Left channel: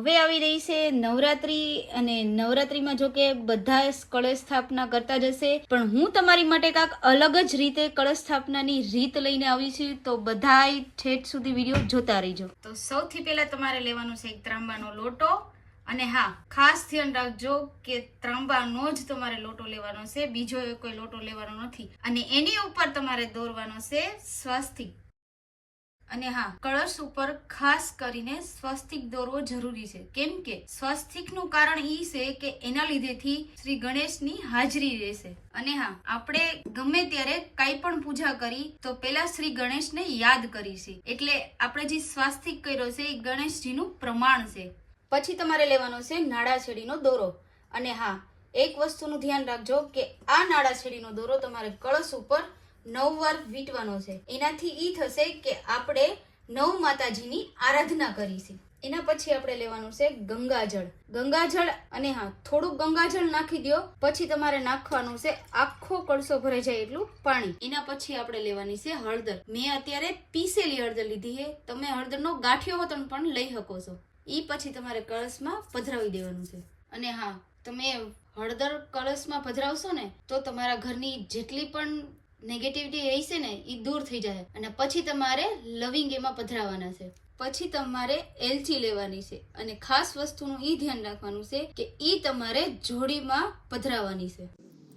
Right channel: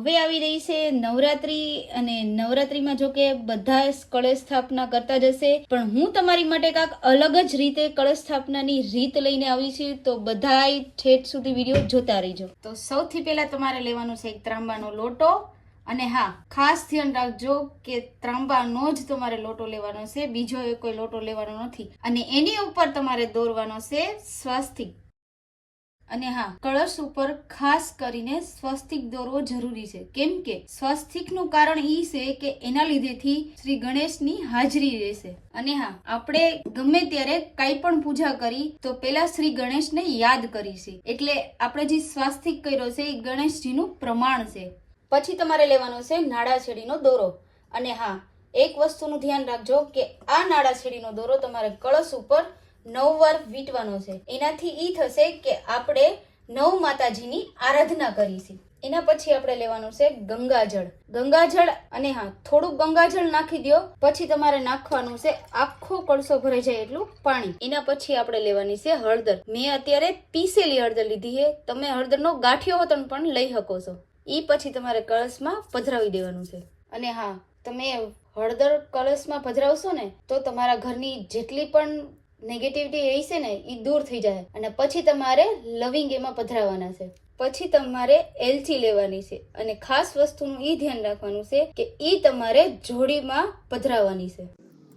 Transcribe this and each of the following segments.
હવે આવી રહી છે નવરાત્રી અને નવરાત્રીમાં જો કે બધા કળશ સ્થાપના કરતા જ હશે, પણ હું તમારી માટે કાંક અલગ જ રીતે કળશ સ્થાપનાની રીત લઈને આવી છું, તો બધાય ઠેઠ સુધી વિડીયો જોતા રહીજો. તો સૌથી પહેલા તમારે લેવાનું છે એક ત્રાંબાનો લોટો, અને હા, ખાસ ધ્યાન રાખજો કે ત્રાંબાનો જ તમારે લોટો લેવાનો છે, બીજો કોઈ લોટો લેવાનો નથી. અને એની ઉપર તમારે દોરવાનો છે સ્વસ્તિક. અને હા, કળશ ઉપર ખાસ કરીને સ્વસ્તિક દોરવો જરૂરી છે, કેમ કે સ્વસ્તિકનું કારણ ઈ છે કે એના લીધેથી શ્રી ગણેશની હાજરી રહેશે. અને હા, આપણે ગમે ત્યારે કાંઈ પણ પૂજા કરી તો પેલા શ્રી ગણેશને યાદ કરીશું, એટલે આપણે જે સ્વસ્તિક કર્યો છે એ ગણેશજીનું પ્રમાણ છે. પછી તમારે લેવાનો છે નાળાછેડીનો દોરો. અને હા, એક વસ્તુનું ધ્યાન રાખજો કે આ નાળાછેડીનો દોરો તમારે કળશ ઉપર 9 વાર વીંટવાનો છે. એનાથી ઈ થશે કે આપણે 9 માતાજીની આરાધના કરીશું. એના પછી આપણે લેવાનું છે ગંગાજળ. ગંગાજળ, અને હા, થોડુંક ગંગાજળ નાખી દો. પછી તમારે નાખવાનું છે આખો કળશો ભરાઈ જાય એટલું પાણી. એના પછી આપણે લેવાની છે હળદર. મેં અત્યારે પીસેલી હળદર લીધી છે, તમે હળદરનો ગાંઠિયો હોતન પણ લઈ શકો છો. ઈ પછી તમારે કળશમાં પધરાવી દેવાનું છે. અને હા, તમે હળદર કળશમાં પધરાવશો ને તો તમારા ઘરની જેટલી પણ નેગેટિવિટી હશે ને એ દૂર થઈ જાય. અને પછી તમારે લવિંગ એમાં પધરાવવાના છે. પછી તમારે એલચી લેવાની છે, અને ખાસ વસ્તુનું ઈ ધ્યાન રાખવાનું છે કે ઈ તમારે જોડીમાં પધરાવવાની છે.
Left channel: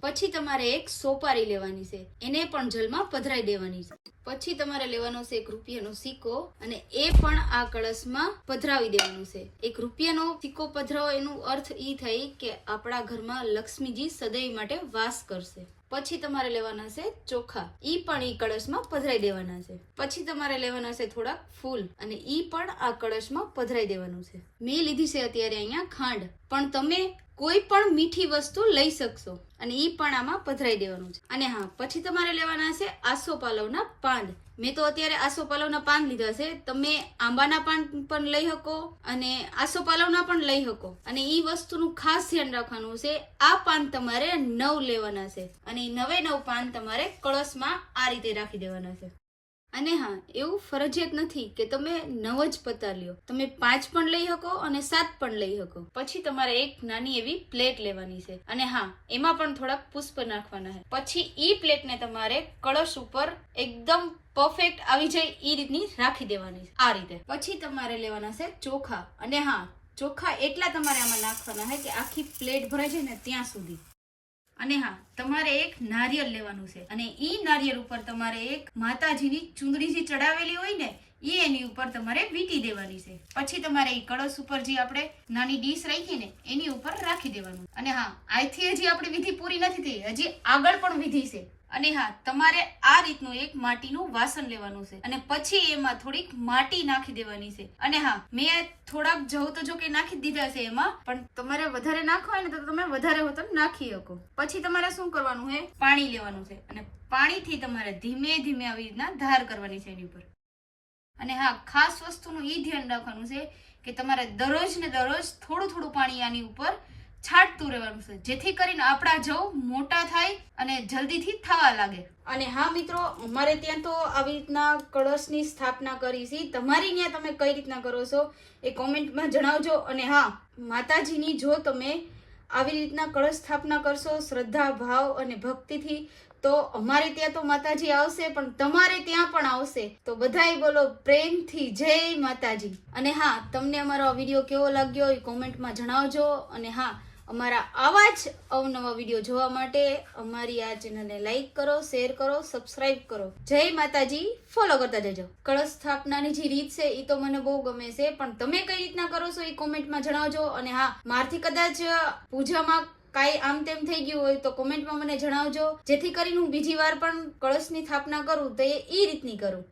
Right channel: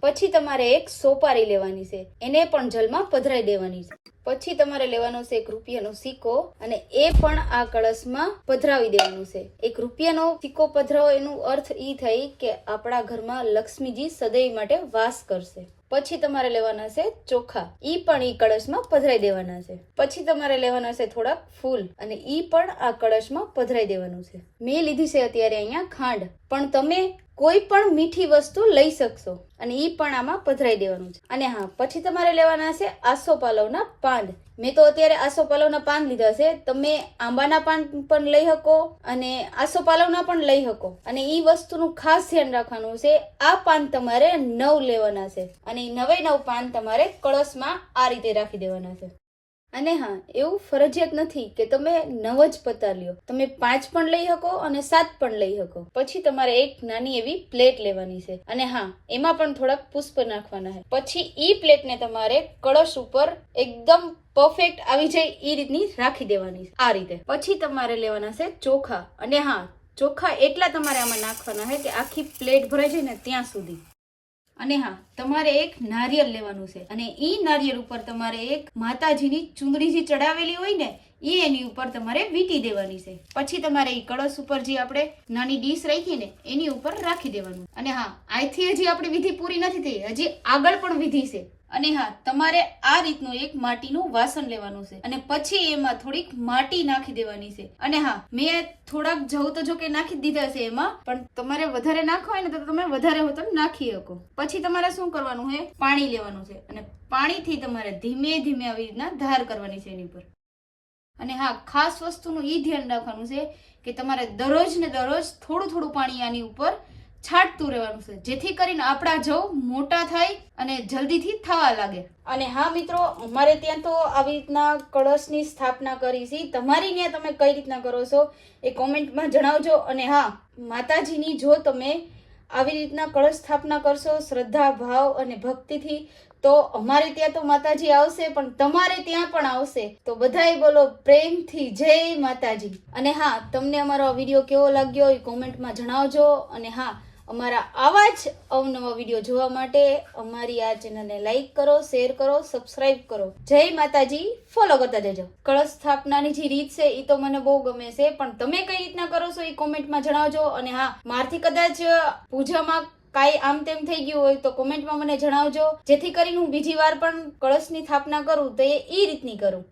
પછી તમારે એક સોપારી લેવાની છે, એને પણ જલમાં પધરાઈ દેવાની છે. પછી તમારે લેવાનો છે એક રૂપિયાનો સિક્કો, અને એ પણ આ કળશમાં પધરાવી દેવાનું છે. એક રૂપિયાનો સિક્કો પધરાવો એનો અર્થ ઈ થાય કે આપણા ઘરમાં લક્ષ્મીજી સદૈવ માટે વાસ કરશે. પછી તમારે લેવાના છે ચોખા, ઈ પણ ઈ કળશમાં પધરાઈ દેવાના છે. પછી તમારે લેવાના છે થોડાક ફૂલ, અને ઈ પણ આ કળશમાં પધરાઈ દેવાનું છે. મેં લીધી છે અત્યારે અહીંયા ખાંડ, પણ તમે કોઈ પણ મીઠી વસ્તુ લઈ શકશો, અને ઈ પણ આમાં પધરાઈ દેવાનું છે. અને હા, પછી તમારે લેવાના છે આસોપાલવના પાન. મેં તો અત્યારે આસોપાલવના પાન લીધા છે, તમે આંબાના પાન પણ લઈ શકો અને આસોપાલવના પણ લઈ શકો. અને ઈ વસ્તુનું ખાસ ધ્યાન રાખવાનું છે, આ પાન તમારે 9 લેવાના છે, અને 9 પાન તમારે કળશમાં આ રીતે રાખી દેવાના છે. અને હા, એવું ફરજિયાત નથી કે તમે 9 જ પત્તા લ્યો, તમે 5 પણ લઈ શકો અને 7 પણ લઈ શકો. પછી તમારે એક નાની એવી પ્લેટ લેવાની છે, અને હા, એમાં પણ થોડાક પુષ્પ નાખવાના છે. પછી ઈ પ્લેટને તમારે કળશ ઉપર એકદમ પરફેક્ટ આવી જાય ઈ રીતની રાખી દેવાની છે, આ રીતે. પછી તમારે લેવાના છે ચોખા. અને હા, ચોખા એટલા તમારે આમાં નાખવાના છે કે આખી પ્લેટ ભરાઈ જાય ને ત્યાં સુધી. અને હા, તમારે એક નારિયેળ લેવાનું છે, અને ઈ નારિયેળ ઉપર તમારે એક માતાજીની ચુંદડી જે ચડાવેલી હોય ને ઈ એની ઉપર તમારે વીંટી દેવાની છે. પછી તમારે ઈ કળશ ઉપર જે આપણે નાની ડીશ રાખી ને એની ઉપર રાખી દેવાનું. અને હા, અહીંથી હજી આપણી વિધિ પૂરી નથી થઈ, હજી આગળ પણ વિધિ છે. અને હા, તમારે આ રીતનું એક માટીનું વાસણ લેવાનું છે, અને પછી એમાં થોડીક માટી નાખી દેવાની છે. અને હા, મેં થોડાક જવ તો જો કે નાખી દીધા છે એમાં, પણ તમારે વધારે નાખવા હોય ને તો તમે વધારે હોતો નાખી શકો. પછી તમારે શું કરવાનું છે, પાણી લેવાનું છે, અને પાણીથી તમારે ધીમે ધીમે આવી રીતના ધાર કરવાની છે એની પર. અને હા, ખાસ વસ્તુનું ઈ ધ્યાન રાખવાનું છે કે તમારે દરરોજ ને દરરોજ થોડું થોડું પાણી આની ઉપર છાંટતું રહેવાનું છે, જેથી કરીને આપણા જવ મોટા થાય અને જલ્દીથી થવા લાગે. અને હા મિત્રો, અમારે ત્યાં તો આવી રીતના કળશની સ્થાપના કરી છે. તમારી ત્યાં તમે કઈ રીતના કરો છો એ કોમેન્ટમાં જણાવજો. અને હા, માતાજીની જો તમે આવી રીતના કળશ સ્થાપના કરશો શ્રદ્ધા ભાવ અને ભક્તિથી, તો અમારે ત્યાં તો માતાજી આવશે, પણ તમારે ત્યાં પણ આવશે. તો બધાય બોલો પ્રેમથી જય માતાજી. અને હા, તમને અમારો આ વિડીયો કેવો લાગ્યો એ કોમેન્ટમાં જણાવજો. અને હા, અમારા આવા જ અવનવા વિડીયો જોવા માટે અમારી આ ચેનલને લાઈક કરો, શેર કરો, સબસ્ક્રાઇબ કરો. જય માતાજી ફોલો કરતા જજો. કળશ સ્થાપનાની જે રીત છે એ તો મને બહુ ગમે છે, પણ તમે કઈ રીતના કરો છો એ કોમેન્ટમાં જણાવજો. અને હા, મારથી કદાચ પૂજામાં કાંઈ આમ તેમ થઈ ગયું હોય તો કોમેન્ટમાં મને જણાવજો, જેથી કરીને હું બીજી વાર પણ કળશની સ્થાપના કરું તો એ રીતની કરું.